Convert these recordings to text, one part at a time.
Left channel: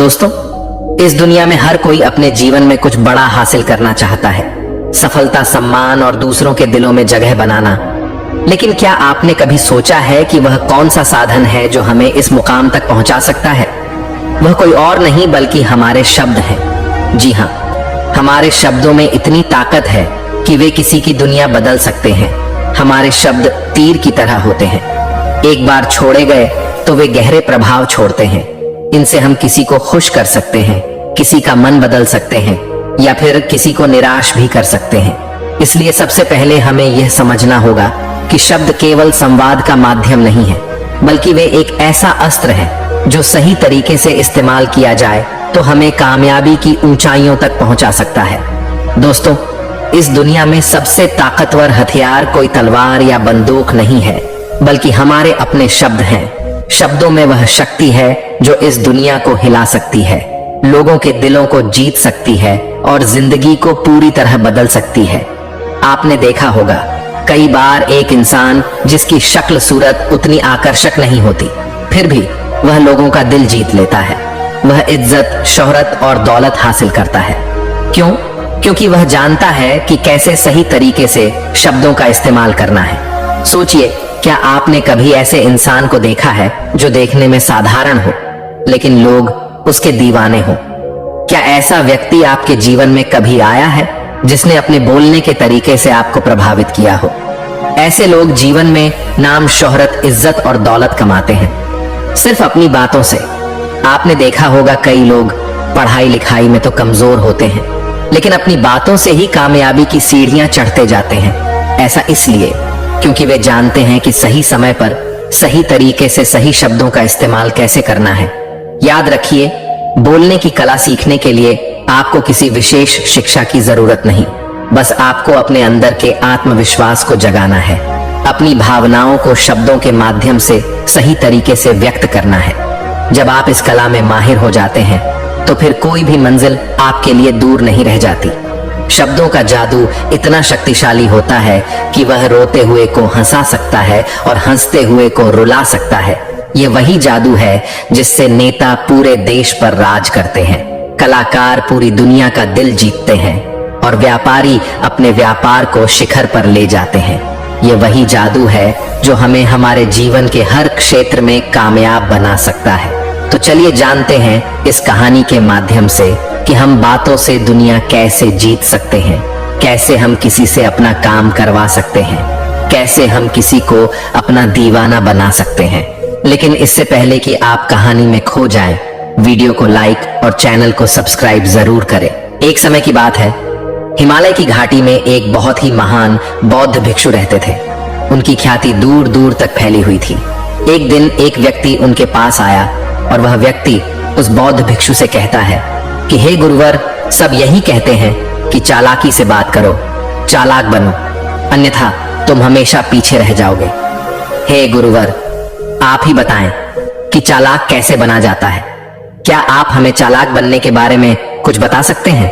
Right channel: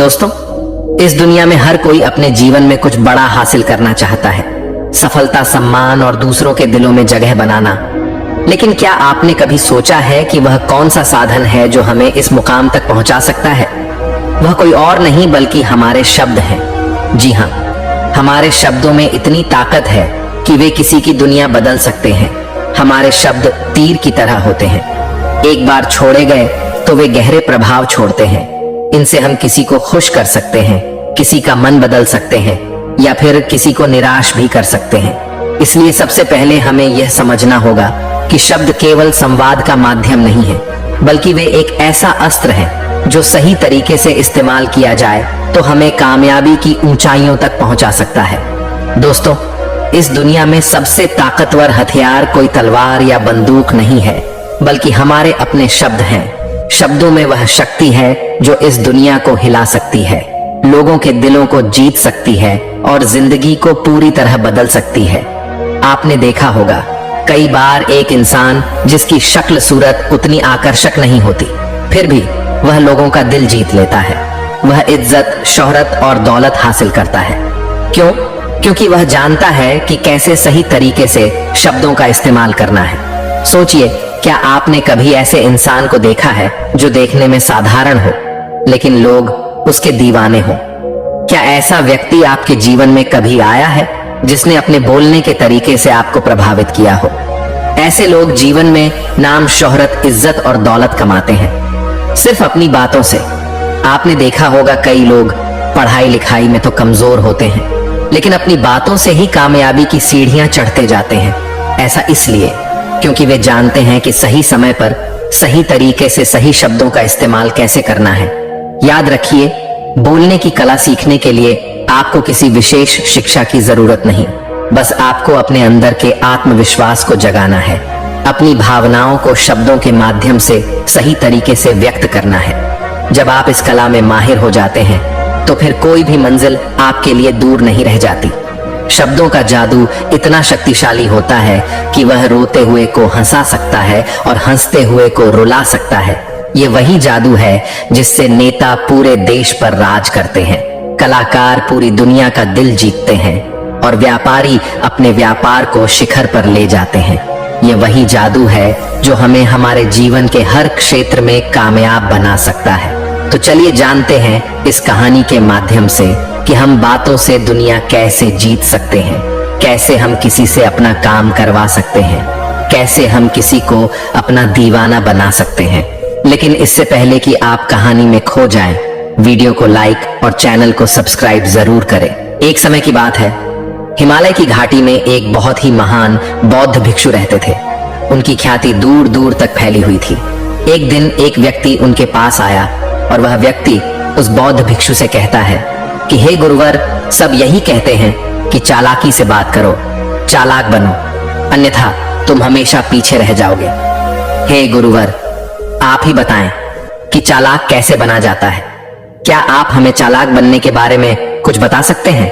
दोस्तों, इस दुनिया में हर कोई अपने जीवन में कुछ बड़ा हासिल करना चाहता है, सफलता, सम्मान और दूसरों के दिलों में जगह बनाना। लेकिन क्या आपने कभी सोचा है कि वह कौन सा साधन है जो हमें इस मुकाम तक पहुंचा सकता है? वह कोई और नहीं बल्कि हमारे शब्द हैं। जी हाँ, हमारे शब्दों में इतनी ताकत है कि वे किसी की दुनिया बदल सकते हैं। हमारे शब्द तीर की तरह होते हैं, एक बार छोड़े गए तो वे गहरे प्रभाव छोड़ते हैं। इनसे हम किसी को खुश कर सकते हैं, किसी का मन बदल सकते हैं या फिर किसी को निराश भी कर सकते हैं। इसलिए सबसे पहले हमें यह समझना होगा कि शब्द केवल संवाद का माध्यम नहीं है, बल्कि वे एक ऐसा अस्त्र है जो सही तरीके से इस्तेमाल किया जाए तो हमें कामयाबी की ऊंचाइयों तक पहुंचा सकता है। दोस्तों, इस दुनिया में सबसे ताकतवर हथियार कोई तलवार या बंदूक नहीं है, बल्कि हमारे अपने शब्द हैं। शब्दों में वह शक्ति है जो इस दुनिया को हिला सकती है, लोगों के दिलों को जीत सकती है और जिंदगी को पूरी तरह बदल सकती है। आपने देखा होगा, कई बार एक इंसान जिसकी शक्ल सूरत उतनी आकर्षक नहीं होती, फिर भी वह लोगों का दिल जीत लेता है। वह इज्जत, शोहरत और दौलत हासिल करता है। क्यों? क्योंकि वह जानता है कि कैसे सही तरीके से शब्दों का इस्तेमाल करना है। सोचिए, क्या आपने कभी ऐसे इंसान को देखा है जो देखने में साधारण हो लेकिन लोग उसके दीवाने हो? क्या ऐसा व्यक्ति आपके जीवन में कभी आया है जिसने अपने बोलने के तरीके से आपको प्रभावित किया हो? ऐसे लोग जीवन में नाम, शोहरत, इज्जत और दौलत कमाते हैं सिर्फ अपनी बातों से। आपने देखा होगा, कई लोग पढ़ाई लिखाई में तो कमजोर होते हैं लेकिन अपनी बातों से ही कामयाबी की सीढ़ियां चढ़ते जाते हैं। ऐसा इसलिए क्योंकि वे जानते हैं कि सही समय पर सही तरीके से सही शब्दों का इस्तेमाल कैसे करना है। याद रखिए, बोलने की कला सीखने के लिए आपको किसी विशेष शिक्षा की जरूरत नहीं, बस आपको अपने अंदर के आत्मविश्वास को जगाना है, अपनी भावनाओं को शब्दों के माध्यम से सही तरीके से व्यक्त करना है। जब आप इस कला में माहिर हो जाते हैं तो फिर कोई भी मंजिल आपके लिए दूर नहीं रह जाती। शब्दों का जादू इतना शक्तिशाली होता है कि वह रोते हुए को हंसा सकता है और हंसते हुए को रुला सकता है। ये वही जादू है जिससे नेता पूरे देश पर राज करते हैं, कलाकार पूरी दुनिया का दिल जीतते हैं और व्यापारी अपने व्यापार को शिखर पर ले जाते हैं। ये वही जादू है जो हमें हमारे जीवन के हर क्षेत्र में कामयाब बना सकता है। तो चलिए जानते हैं इस कहानी के माध्यम से कि हम बातों से दुनिया कैसे जीत सकते हैं, कैसे हम किसी से अपना काम करवा सकते हैं, कैसे हम किसी को अपना दीवाना बना सकते हैं। लेकिन इससे पहले कि आप कहानी में खो जाएं, वीडियो को लाइक और चैनल को सब्सक्राइब जरूर करें। एक समय की बात है, हिमालय की घाटी में एक बहुत ही महान बौद्ध भिक्षु रहते थे। उनकी ख्याति दूर दूर तक फैली हुई थी। एक दिन एक व्यक्ति उनके पास आया और वह व्यक्ति उस बौद्ध भिक्षु से कहता है कि हे गुरुवर, सब यही कहते हैं कि चालाकी से बात करो, चालाक बनो, अन्यथा तुम हमेशा पीछे रह जाओगे। हे गुरुवर, आप ही बताएं कि चालाक कैसे बना जाता है? क्या आप हमें चालाक बनने के बारे में कुछ बता सकते हैं?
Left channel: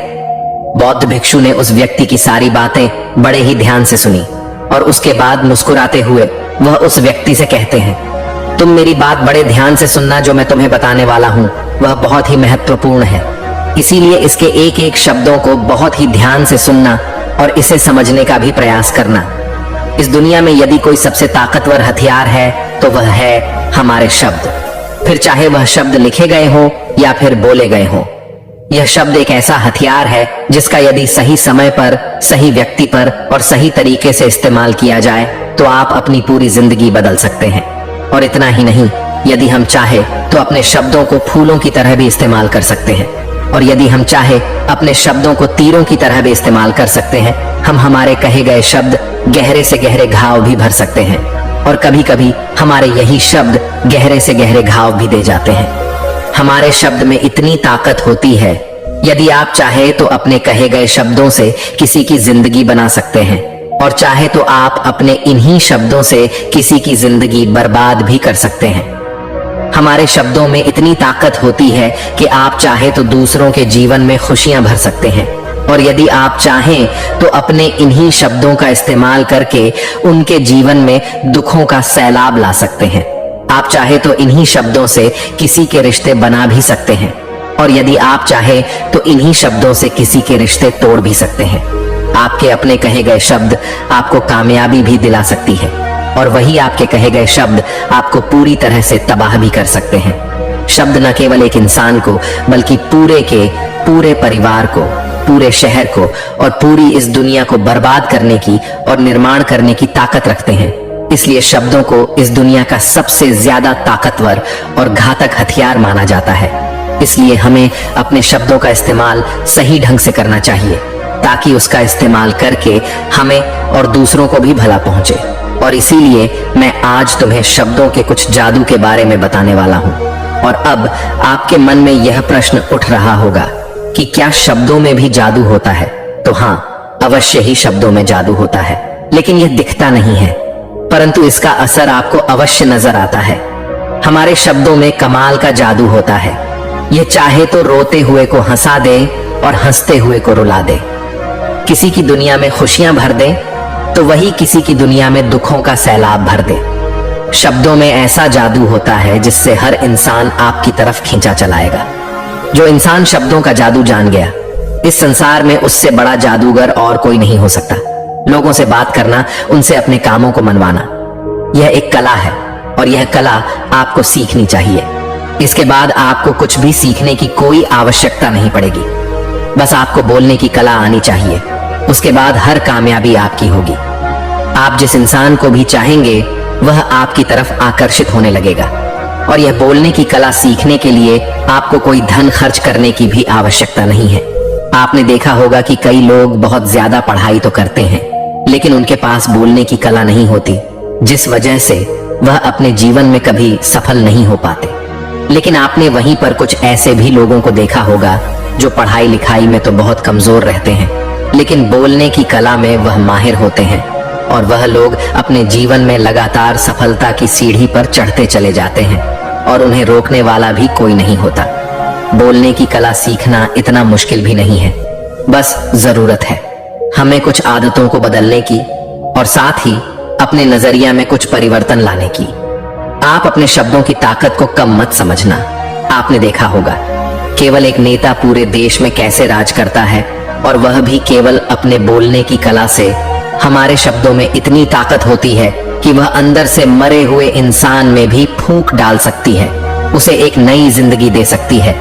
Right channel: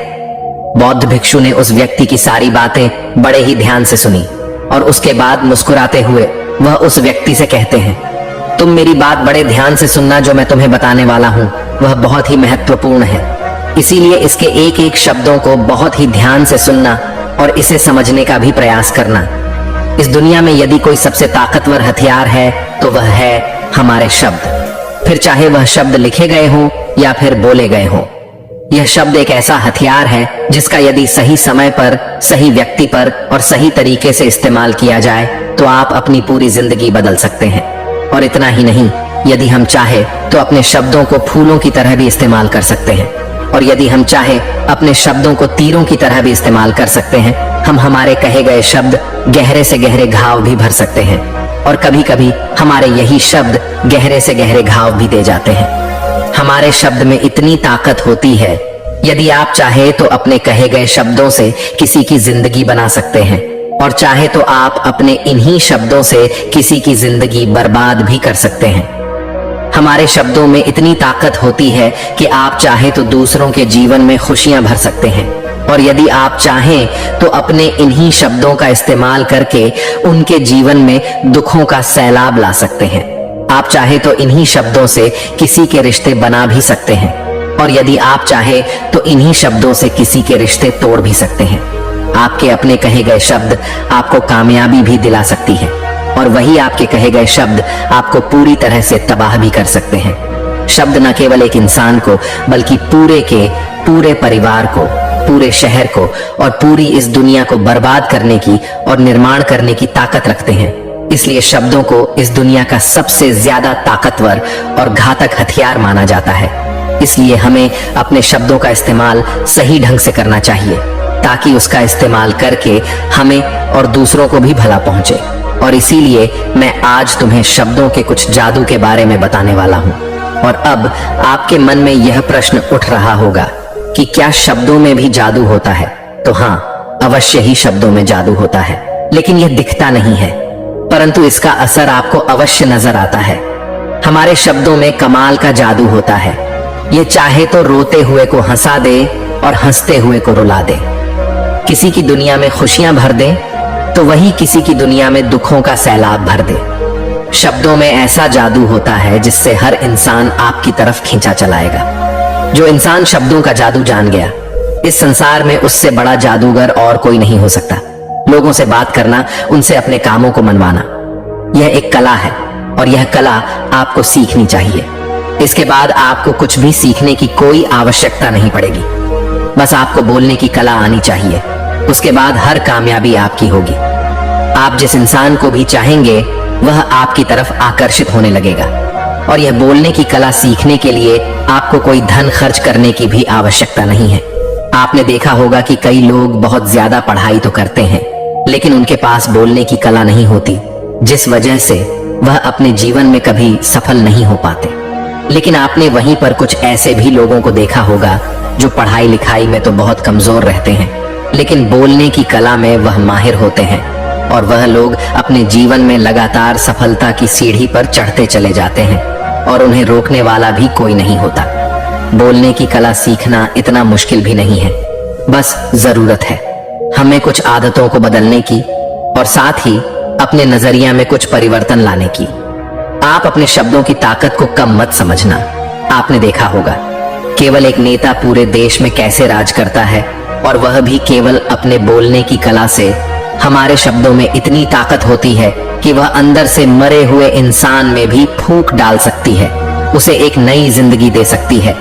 बौद्ध भिक्षु ने उस व्यक्ति की सारी बातें बड़े ही ध्यान से सुनी और उसके बाद मुस्कुराते हुए वह उस व्यक्ति से कहते हैं, तुम मेरी बात बड़े ध्यान से सुनना। जो मैं तुम्हें बताने वाला हूँ वह बहुत ही महत्वपूर्ण है, इसीलिए इसके एक एक शब्दों को बहुत ही ध्यान से सुनना और इसे समझने का भी प्रयास करना। इस दुनिया में यदि कोई सबसे ताकतवर हथियार है तो वह है हमारे शब्द। फिर चाहे वह शब्द लिखे गए हों या फिर बोले गए हों, यह शब्द एक ऐसा हथियार है जिसका यदि सही समय पर, सही व्यक्ति पर और सही तरीके से इस्तेमाल किया जाए तो आप अपनी पूरी जिंदगी बदल सकते हैं। और इतना ही नहीं, यदि हम चाहे तो अपने शब्दों को फूलों की तरह भी इस्तेमाल कर सकते हैं और यदि हम चाहे अपने शब्दों को तीरों की तरह भी इस्तेमाल कर सकते हैं। हम हमारे कहे गए शब्द गहरे से गहरे घाव भी भर सकते हैं और कभी कभी हमारे यही शब्द गहरे से गहरे घाव भी दे जाते हैं। हमारे शब्द में इतनी ताकत होती है, यदि आप चाहे तो अपने कहे गए शब्दों से किसी की जिंदगी बना सकते हैं और चाहे तो आप अपने इन्हीं शब्दों से किसी की जिंदगी बर्बाद भी कर सकते हैं। हमारे शब्दों में इतनी ताकत होती है कि आप चाहे तो दूसरों के जीवन में खुशियां भर सकते हैं और यदि आप चाहें तो अपने इन्हीं शब्दों का इस्तेमाल करके उनके जीवन में दुखों का सैलाब ला सकते हैं। आप चाहे तो इन्हीं शब्दों से किसी के रिश्ते बना भी सकते हैं। और यदि आप चाहे तो इन्हीं शब्दों से किसी के रिश्ते तोड़ भी सकते हैं। आपके अपने कहे गए शब्द आपको कामयाबी भी दिला सकती है और वही आपके कहे गए शब्द आपको पूरी तरह से तबाह भी कर सकते हैं। शब्द न केवल एक इंसान को बल्कि पूरे परिवार को, पूरे शहर को और पूरी इस दुनिया को बर्बाद करने की और निर्माण करने की ताकत रखते हैं। इसलिए शब्दों को इस दुनिया का सबसे ज्यादा ताकतवर और घातक हथियार माना जाता है। इसलिए हमें अपने शब्दों का इस्तेमाल सही ढंग से करना चाहिए ताकि उसका इस्तेमाल करके हमें और दूसरों को भी भला पहुंचे। और इसीलिए मैं आज तुम्हें शब्दों के कुछ जादू के बारे में बताने वाला हूं। और अब आपके मन में यह प्रश्न उठ रहा होगा कि क्या शब्दों में भी जादू होता है? तो हाँ, अवश्य ही शब्दों में जादू होता है, लेकिन यह दिखता नहीं है, परंतु इसका असर आपको अवश्य नजर आता है। हमारे शब्दों में कमाल का जादू होता है। ये चाहे तो रोते हुए को हंसा दे और हंसते हुए को रुला दे। किसी की दुनिया में खुशियां भर दे तो वही किसी की दुनिया में दुखों का सैलाब भर दे। शब्दों में ऐसा जादू होता है जिससे हर इंसान आपकी तरफ खींचा चलाएगा। जो इंसान शब्दों का जादू जान गया, इस संसार में उससे बड़ा जादूगर और कोई नहीं हो सकता। लोगों से बात करना, उनसे अपने कामों को मनवाना, यह एक कला है और यह कला आपको सीखनी चाहिए। इसके बाद आपको कुछ भी सीखने की कोई आवश्यकता नहीं पड़ेगी। बस आपको बोलने की कला आनी चाहिए। उसके बाद हर कामयाबी आपकी होगी। आप जिस इंसान को भी चाहेंगे वह आपकी तरफ आकर्षित होने लगेगा। और यह बोलने की कला सीखने के लिए आपको कोई धन खर्च करने की भी आवश्यकता नहीं है। आपने देखा होगा कि कई लोग बहुत ज्यादा पढ़ाई तो करते हैं, लेकिन उनके पास बोलने की कला नहीं होती, जिस वजह से वह अपने जीवन में कभी सफल नहीं हो पाते। लेकिन आपने वहीं पर कुछ ऐसे भी लोगों को देखा होगा जो पढ़ाई लिखाई में तो बहुत कमजोर रहते हैं, लेकिन बोलने की कला में वह माहिर होते हैं और वह लोग अपने जीवन में लगातार सफलता की सीढ़ी पर चढ़ते चले जाते हैं और उन्हें रोकने वाला भी कोई नहीं होता। बोलने की कला सीखना इतना मुश्किल भी नहीं है, बस जरूरत है हमें कुछ आदतों को बदलने की और साथ ही अपने नजरिया में कुछ परिवर्तन लाने की। आप अपने शब्दों की ताकत को कम मत समझना। आपने देखा होगा केवल एक नेता पूरे देश में कैसे राज करता है, और वह भी केवल अपने बोलने की कला से। हमारे शब्दों में इतनी ताकत होती है कि वह अंदर से मरे हुए इंसान में भी फूंक डाल सकती है, उसे एक नई जिंदगी दे सकती है।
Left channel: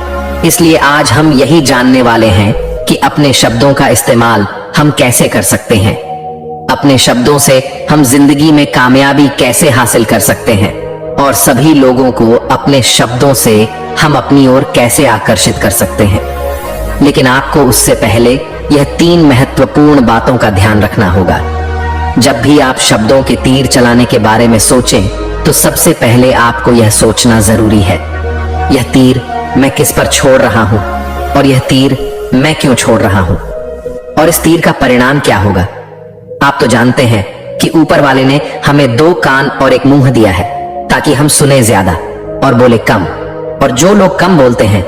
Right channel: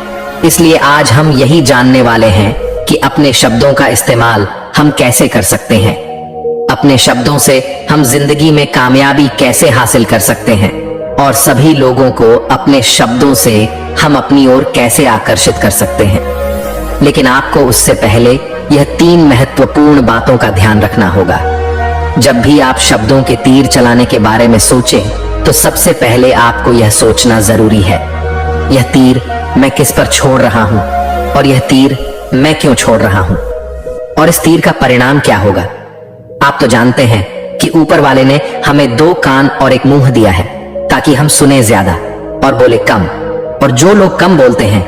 इसलिए आज हम यही जानने वाले हैं कि अपने शब्दों का इस्तेमाल हम कैसे कर सकते हैं। अपने शब्दों से हम जिंदगी में कामयाबी कैसे हासिल कर सकते हैं और सभी लोगों को अपने शब्दों से हम अपनी ओर कैसे आकर्षित कर सकते हैं। लेकिन आपको उससे पहले यह 3 महत्वपूर्ण बातों का ध्यान रखना होगा। जब भी आप शब्दों के तीर चलाने के बारे में सोचें तो सबसे पहले आपको यह सोचना जरूरी है, यह तीर मैं किस पर छोड़ रहा हूं और यह तीर मैं क्यों छोड़ रहा हूं और इस तीर का परिणाम क्या होगा। आप तो जानते हैं कि ऊपर वाले ने हमें 2 कान और एक मुंह दिया है ताकि हम सुने ज्यादा और बोले कम, और जो लोग कम बोलते हैं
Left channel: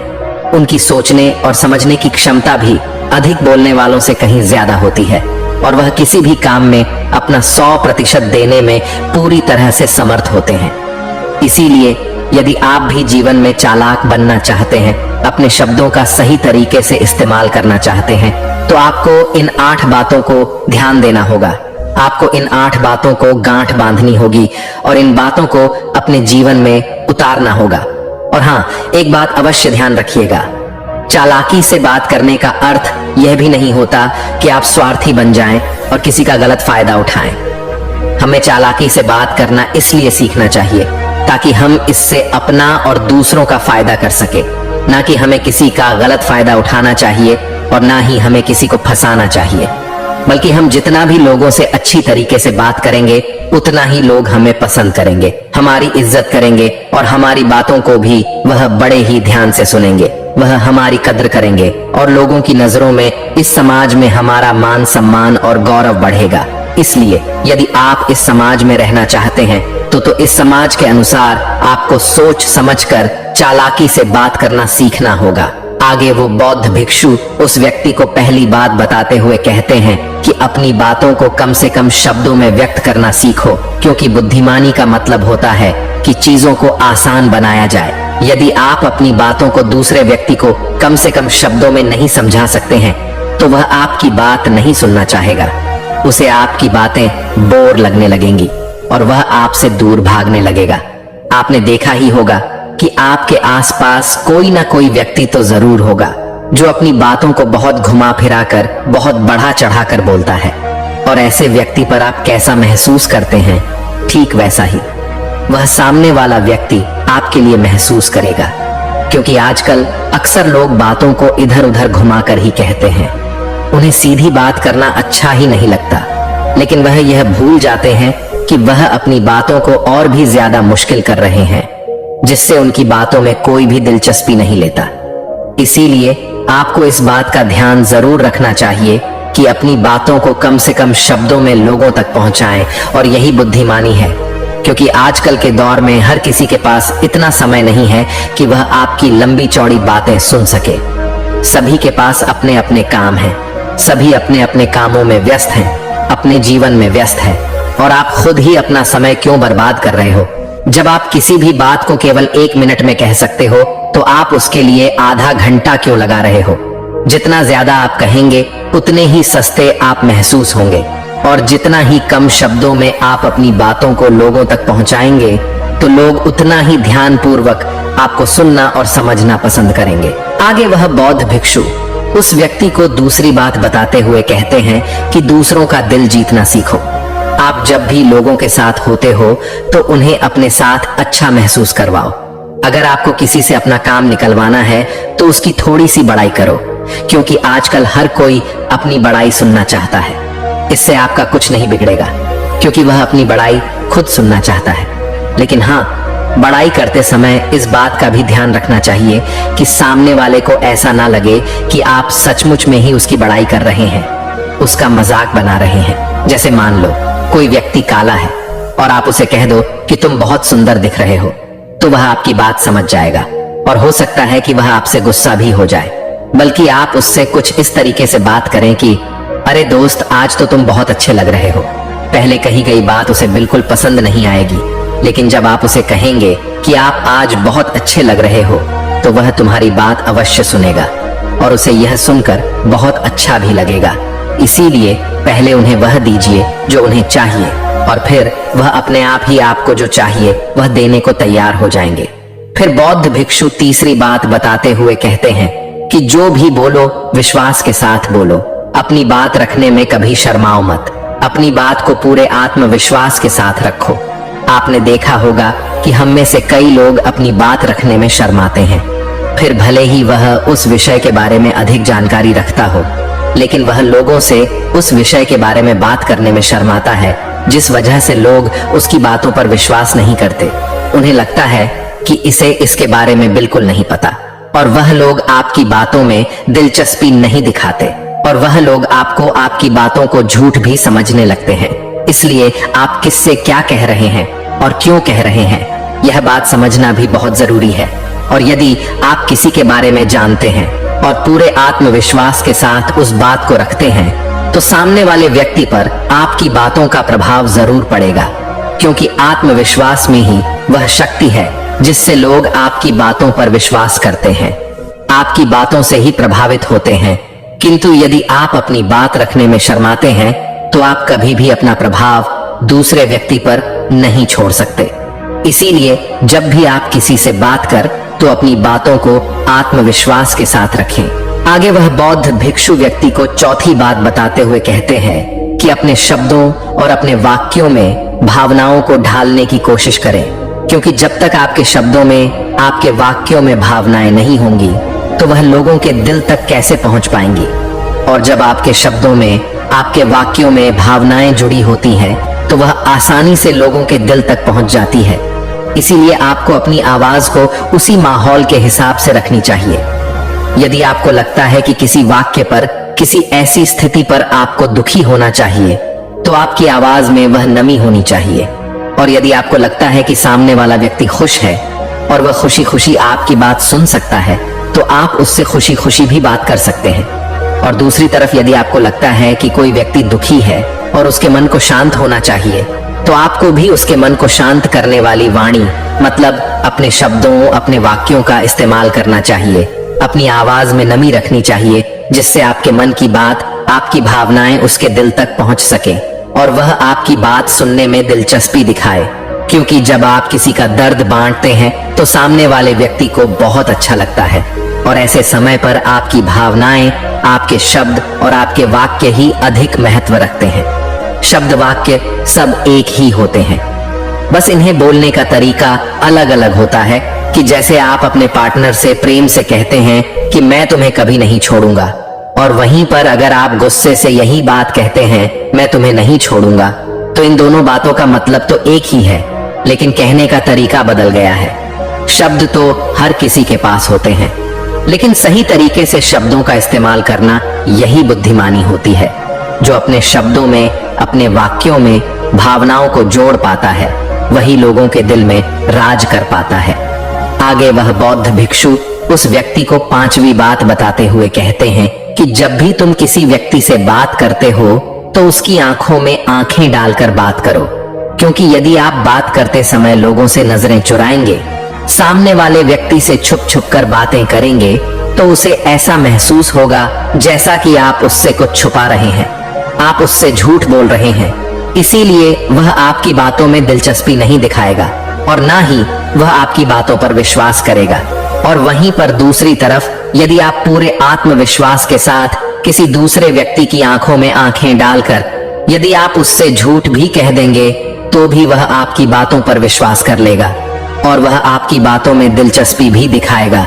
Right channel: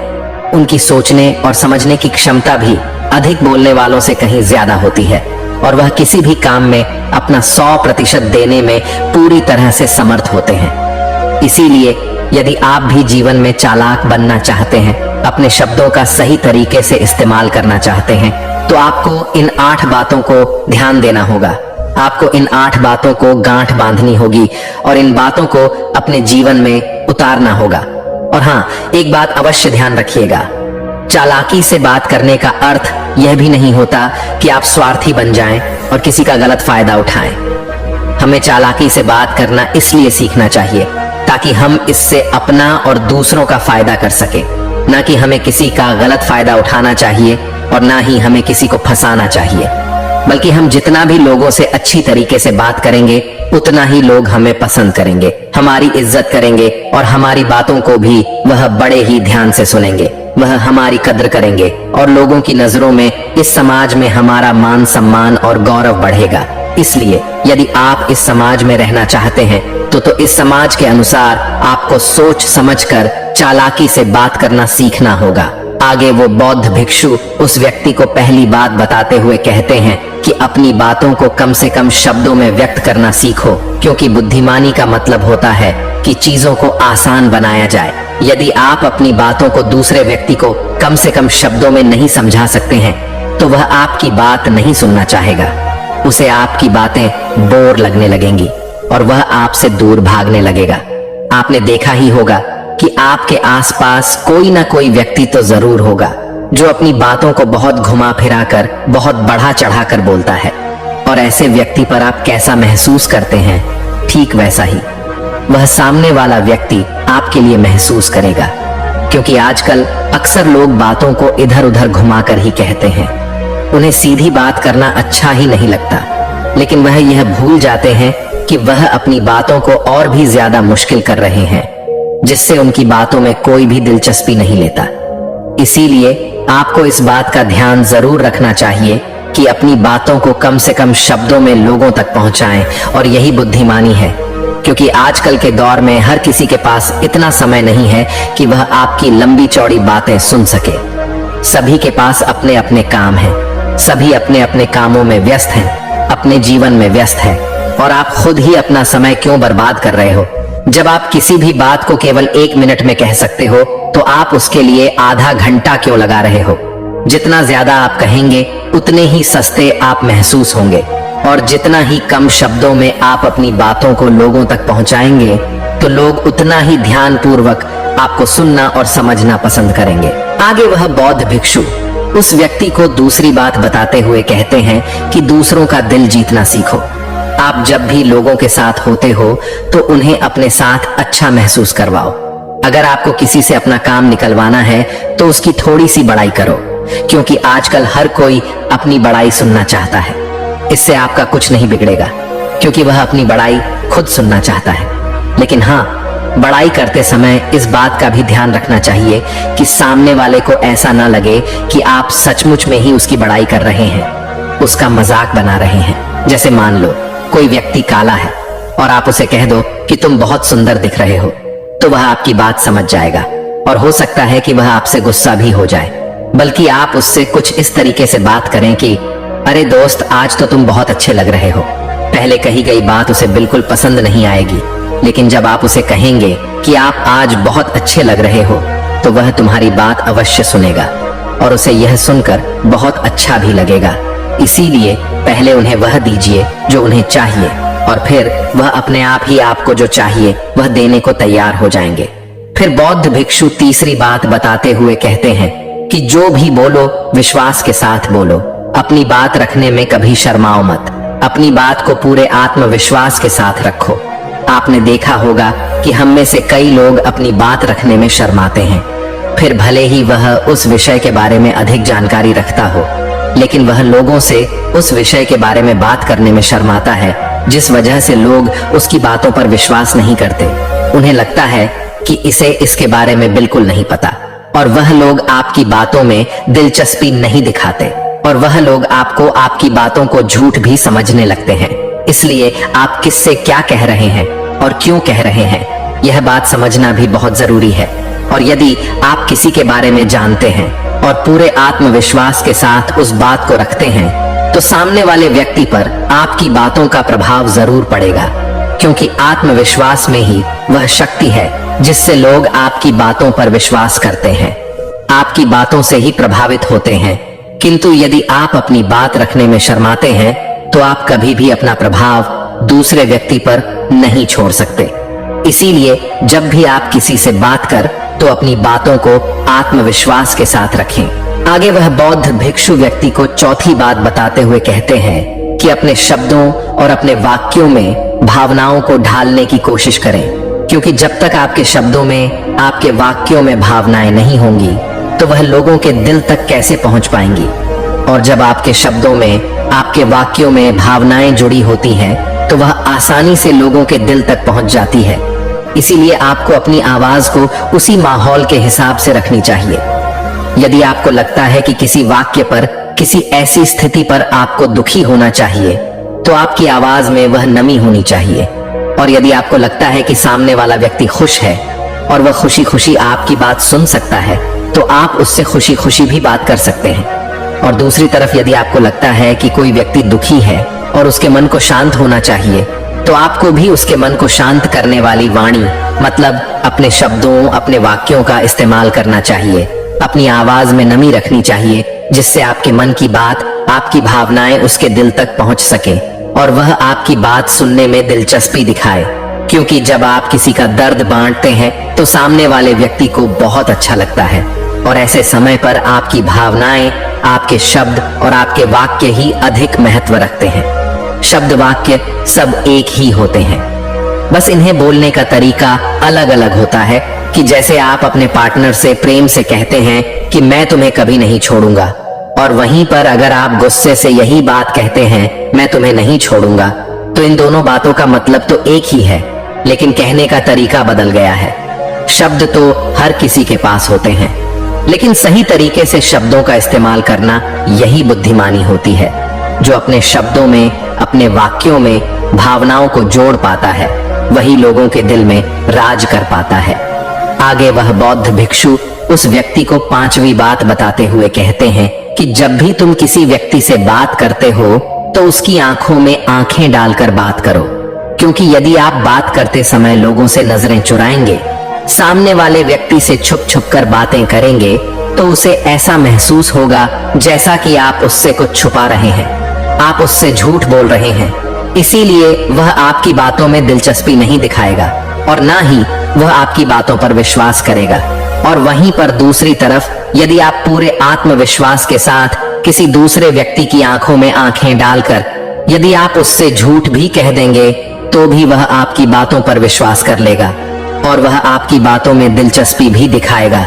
उनकी सोचने और समझने की क्षमता भी अधिक बोलने वालों से कहीं ज्यादा होती है और वह किसी भी काम में अपना 100% देने में पूरी तरह से समर्थ होते हैं। इसीलिए यदि आप भी जीवन में चालाक बनना चाहते हैं, अपने शब्दों का सही तरीके से इस्तेमाल करना चाहते हैं, तो आपको इन 8 बातों को ध्यान देना होगा। आपको इन 8 बातों को गांठ बांधनी होगी और इन बातों को अपने जीवन में उतारना होगा। और हाँ, एक बात अवश्य ध्यान रखिएगा, चालाकी से बात करने का अर्थ यह भी नहीं होता कि आप स्वार्थी बन जाएं और किसी का गलत फायदा उठाएं। हमें चालाकी से बात करना इसलिए सीखना चाहिए ताकि हम इससे अपना और दूसरों का फायदा कर सके, ना कि हमें किसी का गलत फायदा उठाना चाहिए और ना ही हमें किसी को फंसाना चाहिए। बल्कि हम जितना भी लोगों से अच्छी तरीके से बात करेंगे उतना ही लोग हमें पसंद करेंगे, हमारी इज्जत करेंगे और हमारी बातों को भी वह बड़े ही ध्यान से सुनेंगे। वह हमारी कद्र करेंगे और लोगों की नजरों में इस समाज में हमारा मान सम्मान और गौरव बढ़ेगा। इसलिए यदि आप इस समाज में रहना चाहते हैं तो इस समाज के अनुसार आपको सोच समझकर चालाकी से बात करना सीखना होगा। आगे वो बौद्ध भिक्षु उस व्यक्ति को पहली बात बताते हुए कहते हैं कि अपनी बातों को कम से कम शब्दों में व्यक्त करना सीखो, क्योंकि बुद्धिमानी का मतलब होता है कि चीजों को आसान बनाया जाए। यदि आप अपनी बातों को दूसरे व्यक्ति को कम से कम शब्दों में नहीं समझा सकते हैं तो वह आपकी बात नहीं सुनना चाहेगा। उसे आपकी बातें बोर लगने लगेंगी और वह आपसे दूर भागने लगेगा। आपने देखा ही होगा कि आपके आसपास कोई ना कोई व्यक्ति तो जरूर होगा जो अपनी बातों को बहुत घुमा फिरा कर, बहुत बढ़ा चढ़ा कर बोलता है, और ऐसे व्यक्ति पर आप कैसा महसूस करते हैं, ठीक वैसा ही वह सामने वाला व्यक्ति आपके लिए महसूस करेगा। क्योंकि आजकल अक्सर लोग बातों को इधर उधर घुमाकर ही कहते हैं। उन्हें सीधी बात करना अच्छा ही नहीं लगता, लेकिन वह यह भूल जाते हैं कि वह अपनी बातों को और भी ज्यादा मुश्किल कर रहे हैं, जिससे उनकी बातों में कोई भी दिलचस्पी नहीं लेता। इसीलिए आपको इस बात का ध्यान जरूर रखना चाहिए कि अपनी बातों को कम से कम शब्दों में लोगों तक पहुंचाएं, और यही बुद्धिमानी है। क्योंकि आजकल के दौर में हर किसी के पास इतना समय नहीं है कि वह आपकी लंबी चौड़ी बातें सुन सके। सभी के पास अपने अपने काम हैं, सभी अपने अपने कामों में व्यस्त हैं, अपने जीवन में व्यस्त हैं, और आप खुद ही अपना समय क्यों बर्बाद कर रहे हो? जब आप किसी भी बात को केवल 1 मिनट में कह सकते हो तो आप उसके लिए आधा घंटा क्यों लगा रहे हो? जितना ज्यादा आप कहेंगे उतने ही सस्ते आप महसूस होंगे, और जितना ही कम शब्दों में आप अपनी बातों को लोगों तक पहुंचाएंगे तो लोग उतना ही ध्यानपूर्वक आपको सुनना और समझना पसंद करेंगे। आगे वह बौद्ध भिक्षु उस व्यक्ति को दूसरी बात बताते हुए कहते हैं कि दूसरों का दिल जीतना सीखो। आप जब भी लोगों के साथ होते हो तो उन्हें अपने साथ अच्छा महसूस करवाओ। अगर आपको किसी से अपना काम निकलवाना है तो उसकी थोड़ी सी बड़ाई करो, क्योंकि आजकल हर कोई अपनी बड़ाई सुनना चाहता है। इससे आपका कुछ नहीं बिगड़ेगा, क्योंकि वह अपनी बड़ाई खुद सुनना चाहता है। लेकिन हाँ, बड़ाई करते समय इस बात का भी ध्यान रखना चाहिए कि सामने वाले को ऐसा ना लगे कि आप सचमुच में ही उसकी बड़ाई कर रहे हैं, उसका मजाक बना रहे हैं। जैसे मान लो कोई व्यक्ति काला है और आप उसे कह दो कि तुम बहुत सुंदर दिख रहे हो, तो वह आपकी बात समझ जाएगा, और हो सकता है कि वह आपसे गुस्सा भी हो जाए। बल्कि आप उससे कुछ इस तरीके से बात करें कि अरे दोस्त, आज तो तुम बहुत अच्छे लग रहे हो। पहले कही गई बात उसे बिल्कुल पसंद नहीं आएगी, लेकिन जब आप उसे कहेंगे कि आप आज बहुत अच्छे लग रहे हो तो वह तुम्हारी बात अवश्य सुनेगा, और उसे यह सुनकर बहुत अच्छा भी लगेगा। इसीलिए पहले उन्हें वह दीजिए जो उन्हें चाहिए, और फिर वह अपने आप ही आपको जो चाहिए वह देने को तैयार हो जाएंगे। फिर बौद्ध भिक्षु तीसरी बात बताते हुए कहते हैं कि जो भी बोलो विश्वास के साथ बोलो। अपनी बात रखने में कभी शर्माओ मत। अपनी बात को पूरे आत्मविश्वास के साथ रखो। आपने देखा होगा कि हम में से कई लोग अपनी बात रखने में शर्माते हैं। फिर भले ही वह उस विषय के बारे में अधिक जानकारी रखता हो, लेकिन वह लोगों से उस विषय के बारे में बात करने में शर्माता है, जिस वजह से लोग उसकी बातों पर विश्वास नहीं करते। उन्हें लगता है कि इसे इसके बारे में बिल्कुल नहीं पता, और वह लोग आपकी बातों में दिलचस्पी नहीं दिखाते, और वह लोग आपको आपकी बातों को झूठ भी समझने लगते हैं। इसलिए आप किससे क्या कह रहे हैं और क्यों कह रहे हैं, यह बात समझना भी बहुत जरूरी है। और यदि आप किसी के बारे में जानते हैं और पूरे आत्मविश्वास के साथ उस बात को रखते हैं, तो सामने वाले व्यक्ति पर आपकी बातों का प्रभाव जरूर पड़ेगा, क्योंकि आत्मविश्वास में ही वह शक्ति है जिससे लोग आपकी बातों पर विश्वास करते हैं, आपकी बातों से ही प्रभावित होते हैं। किंतु यदि आप अपनी बात रखने में शर्माते हैं तो आप कभी भी अपना प्रभाव दूसरे व्यक्ति पर नहीं छोड़ सकते। इसीलिए जब भी आप किसी से बात कर तो अपनी बातों को आत्मविश्वास के साथ रखें। आगे वह बौद्ध भिक्षु व्यक्ति को चौथी बात बताते हुए कहते हैं कि अपने शब्दों और अपने वाक्यों में भावनाओं को ढालने की कोशिश करें, क्योंकि जब तक आपके शब्दों में, आपके वाक्यों में भावनाएं नहीं होंगी तो वह लोगों के दिल तक कैसे पहुंच पाएंगी। और जब आपके शब्दों में, आपके वाक्यों में भावनाएं जुड़ी होती हैं तो वह आसानी से लोगों के दिल तक पहुंच जाती है। इसीलिए आपको अपनी आवाज को उसी माहौल के हिसाब से रखनी चाहिए। यदि आपको लगता है कि किसी वाक्य पर, किसी ऐसी स्थिति पर आपको दुखी होना चाहिए, तो आपकी आवाज में वह नमी होनी चाहिए। और यदि आपको लगता है कि सामने वाला व्यक्ति खुश है और वह खुशी खुशी आपकी बात सुन सकता है, तो आप उससे खुशी खुशी भी बात कर सकते हैं। और दूसरी तरफ यदि आपको लगता है कि कोई व्यक्ति दुखी है और उसके मन को शांत होना चाहिए, तो आपको भी उसके मन को शांत करने वाली वाणी मतलब अपने शब्दों, अपने वाक्यों का इस्तेमाल करना चाहिए। अपनी आवाज में नमी रखनी चाहिए, जिससे आपके मन की बात, आपकी भावनाएं उसके दिल तक पहुंच सके और वह आपकी बात सुनने में दिलचस्पी दिखाए। क्योंकि जब आप किसी का दर्द बांटते हैं तो सामने वाले व्यक्ति को बहुत अच्छा लगता है और ऐसे समय पर आपकी भावनाएं, आपके शब्द और आपके वाक्य ही अधिक महत्व रखते हैं। शब्द वाक्य सब एक ही होते हैं, बस इन्हें बोलने का तरीका अलग अलग होता है। कि जैसे आप अपने पार्टनर से प्रेम से कहते हैं कि मैं तुम्हें कभी नहीं छोड़ूंगा, और वहीं पर अगर आप गुस्से से यही बात कहते हैं मैं तुम्हें नहीं छोड़ूंगा, तो इन दोनों बातों का मतलब तो एक ही है, लेकिन कहने का तरीका बदल गया है। शब्द तो हर किसी के पास होते हैं, लेकिन सही तरीके से शब्दों का इस्तेमाल करना यही बुद्धिमानी होती है। जो अपने शब्दों में, अपने वाक्यों में भावनाओं को जोड़ पाता है, वही लोगों के दिल में राज कर पाता है। आगे वह बौद्ध भिक्षु उस व्यक्ति को 5वीं बात बताते हुए कहते हैं कि जब भी तुम किसी व्यक्ति से बात करते हो तो उसकी आंखों में आंखें डालकर बात करो, क्योंकि यदि आप बात करते समय लोगों से नजरें चुराएंगे, सामने वाले व्यक्ति से छुप छुप कर बातें करेंगे, तो उसे ऐसा महसूस होगा जैसा कि आप उससे कुछ छुपा रहे हैं, आप उससे झूठ बोल रहे हैं। इसीलिए वह आपकी बातों में दिलचस्पी नहीं दिखाएगा और ना ही वह आपकी बातों पर विश्वास करेगा। और वहीं पर दूसरी तरफ यदि आप पूरे आत्मविश्वास के साथ किसी दूसरे व्यक्ति की आंखों में आंखें डालकर यदि आप उससे झूठ भी कह देंगे, तो भी वह आपकी बातों पर विश्वास कर लेगा और वह आपकी बातों में दिलचस्पी भी दिखाएगा।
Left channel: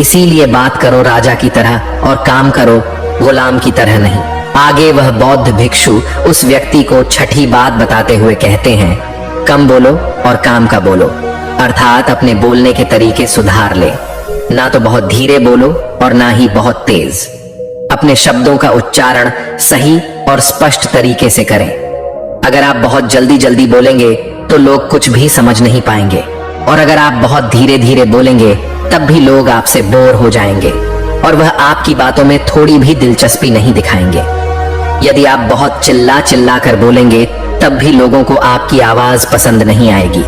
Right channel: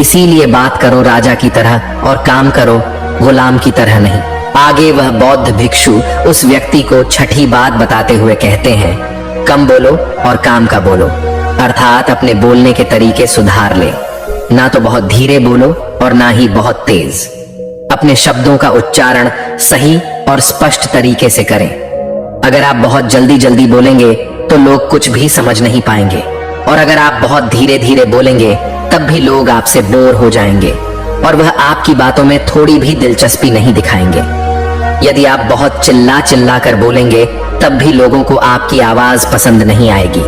इसीलिए बात करो राजा की तरह और काम करो गुलाम की तरह नहीं। आगे वह बौद्ध भिक्षु उस व्यक्ति को 6ठी बात बताते हुए कहते हैं, कम बोलो और काम का बोलो, अर्थात अपने बोलने के तरीके सुधार ले। ना तो बहुत धीरे बोलो और ना ही बहुत तेज। अपने शब्दों का उच्चारण सही और स्पष्ट तरीके से करें। अगर आप बहुत जल्दी जल्दी बोलेंगे तो लोग कुछ भी समझ नहीं पाएंगे, और अगर आप बहुत धीरे धीरे बोलेंगे तब भी लोग आपसे बोर हो जाएंगे और वह आपकी बातों में थोड़ी भी दिलचस्पी नहीं दिखाएंगे। यदि आप बहुत चिल्ला चिल्ला कर बोलेंगे तब भी लोगों को आपकी आवाज पसंद नहीं आएगी,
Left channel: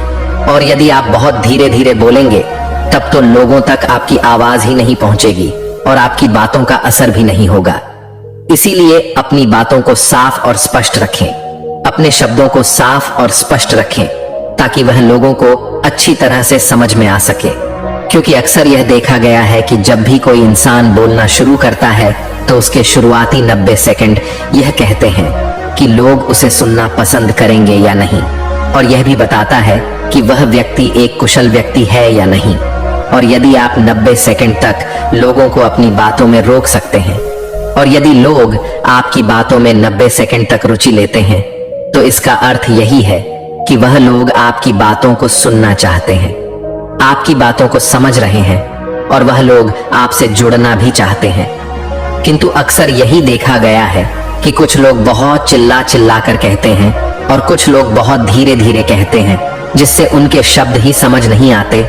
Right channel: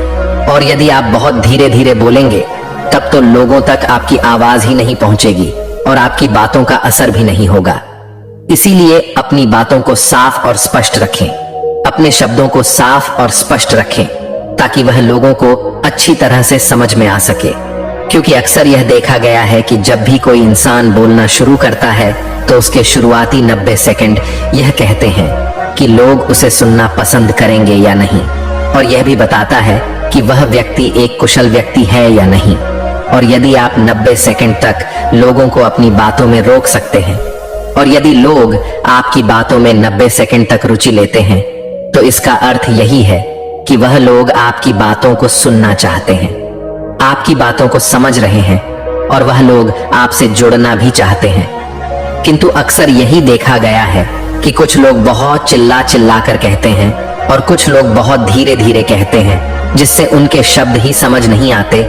और यदि आप बहुत धीरे धीरे बोलेंगे तब तो लोगों तक आपकी आवाज ही नहीं पहुंचेगी और आपकी बातों का असर भी नहीं होगा। इसीलिए अपनी बातों को साफ और स्पष्ट रखें, अपने शब्दों को साफ और स्पष्ट रखें, ताकि वह लोगों को अच्छी तरह से समझ में आ सके। क्योंकि अक्सर यह देखा गया है कि जब भी कोई इंसान बोलना शुरू करता है तो उसके शुरुआती 90 सेकंड यह कहते हैं कि लोग उसे सुनना पसंद करेंगे या नहीं, और यह भी बताता है कि वह व्यक्ति एक कुशल व्यक्ति है या नहीं। और यदि आप 90 सेकंड तक लोगों को अपनी बातों में रोक सकते हैं, और यदि लोग आपकी बातों में 90 सेकंड तक रुचि लेते हैं, तो इसका अर्थ यही है कि वह लोग आपकी बातों को सुनना चाहते हैं, आपकी बातों को समझ रहे हैं, और वह लोग आपसे जुड़ना भी चाहते हैं। किंतु अक्सर यही देखा गया है कि कुछ लोग बहुत चिल्ला चिल्ला कर कहते हैं और कुछ लोग बहुत धीरे धीरे कहते हैं, जिससे उनके शब्द ही समझ नहीं आते।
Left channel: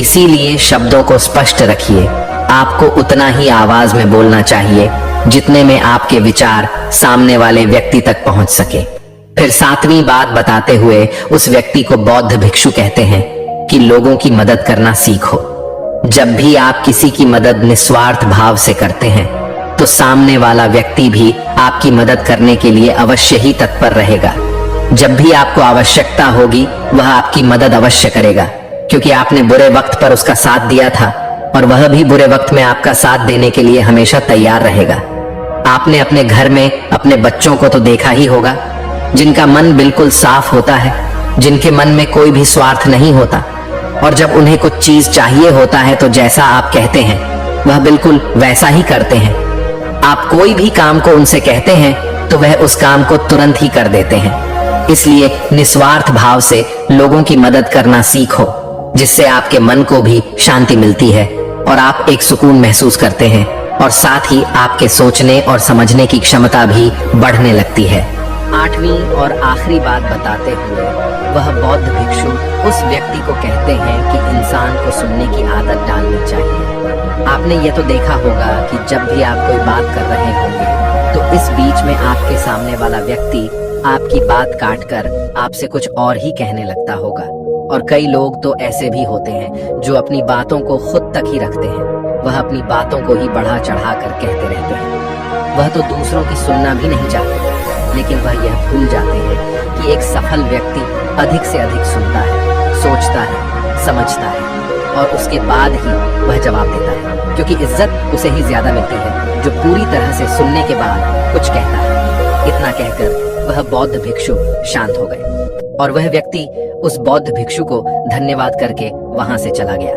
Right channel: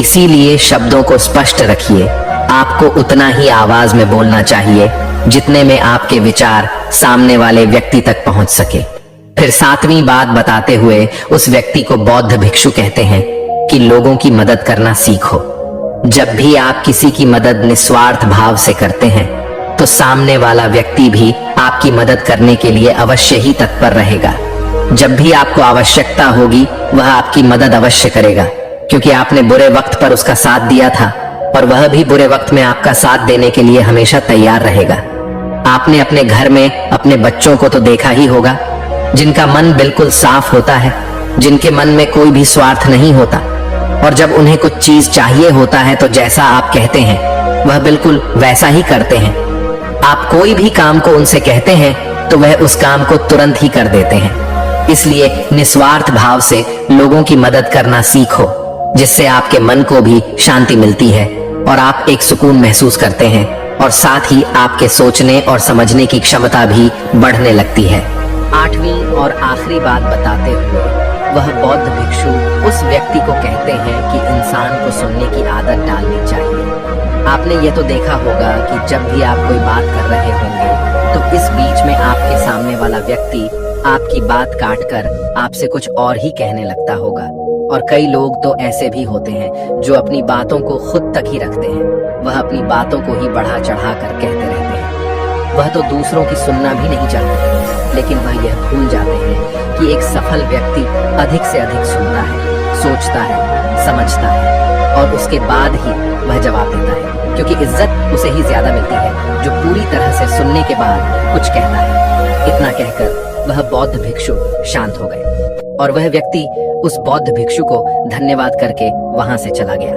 इसीलिए शब्दों को स्पष्ट रखिए। आपको उतना ही आवाज में बोलना चाहिए जितने में आपके विचार सामने वाले व्यक्ति तक पहुंच सके। फिर 7वीं बात बताते हुए उस व्यक्ति को बौद्ध भिक्षु कहते हैं कि लोगों की मदद करना सीखो। जब भी आप किसी की मदद निस्वार्थ भाव से करते हैं तो सामने वाला व्यक्ति भी आपकी मदद करने के लिए अवश्य ही तत्पर रहेगा। जब भी आपको आवश्यकता होगी वह आपकी मदद अवश्य करेगा, क्योंकि आपने बुरे वक्त पर उसका साथ दिया था और वह भी बुरे वक्त में आपका साथ देने के लिए हमेशा तैयार रहेगा। आपने अपने घर में अपने बच्चों को तो देखा ही होगा, जिनका मन बिल्कुल साफ होता है, जिनके मन में कोई भी स्वार्थ नहीं होता, और जब उन्हें कुछ चीज चाहिए होता है तो जैसा आप कहते हैं वह बिल्कुल वैसा ही करते हैं। आप कोई भी काम को उनसे कहते हैं तो वह उस काम को तुरंत ही कर देते हैं। इसलिए निस्वार्थ भाव से लोगों की मदद करना सीखो, जिससे आपके मन को भी शांति मिलती है और आप एक सुकून महसूस करते हैं, और साथ ही आपके सोचने और समझने की क्षमता भी बढ़ने लगती है। 8वीं और आखिरी बात बताते हुए वह बौद्ध भिक्षु उस व्यक्ति को कहते हैं कि इंसान को सुनने की आदत डालनी चाहिए। आपने ये तो देखा होगा कि जब भी आप कोई बात कर रहे होंगे तो इस बीच में आपके सामने वाला व्यक्ति आपकी बात काटकर आपसे कुछ और ही कहने लगता होगा। और कई लोग तो ऐसे भी होते हैं जो अपनी बातों को खुद तक ही रखते हैं। वह अपनी बातों को ही बढ़ा चढ़ा कर कहते रहते हैं। वह तो दूसरों की सुनना भी नहीं चाहते, लेकिन वह यह भूल जाते हैं कि एक सफल व्यक्ति अधिक से अधिक सुनता है, सोचता है, समझता है और उसके बाद ही वह जवाब देता है, क्योंकि इज्जत उसे ही ज्यादा मिलती है जो पूरी तरह से सुनने के बाद कुछ कहता है। इतना कहकर वह बौद्ध भिक्षु शांत हो गए और वह व्यक्ति उस बौद्ध भिक्षु को धन्यवाद करके वहां से चला गया।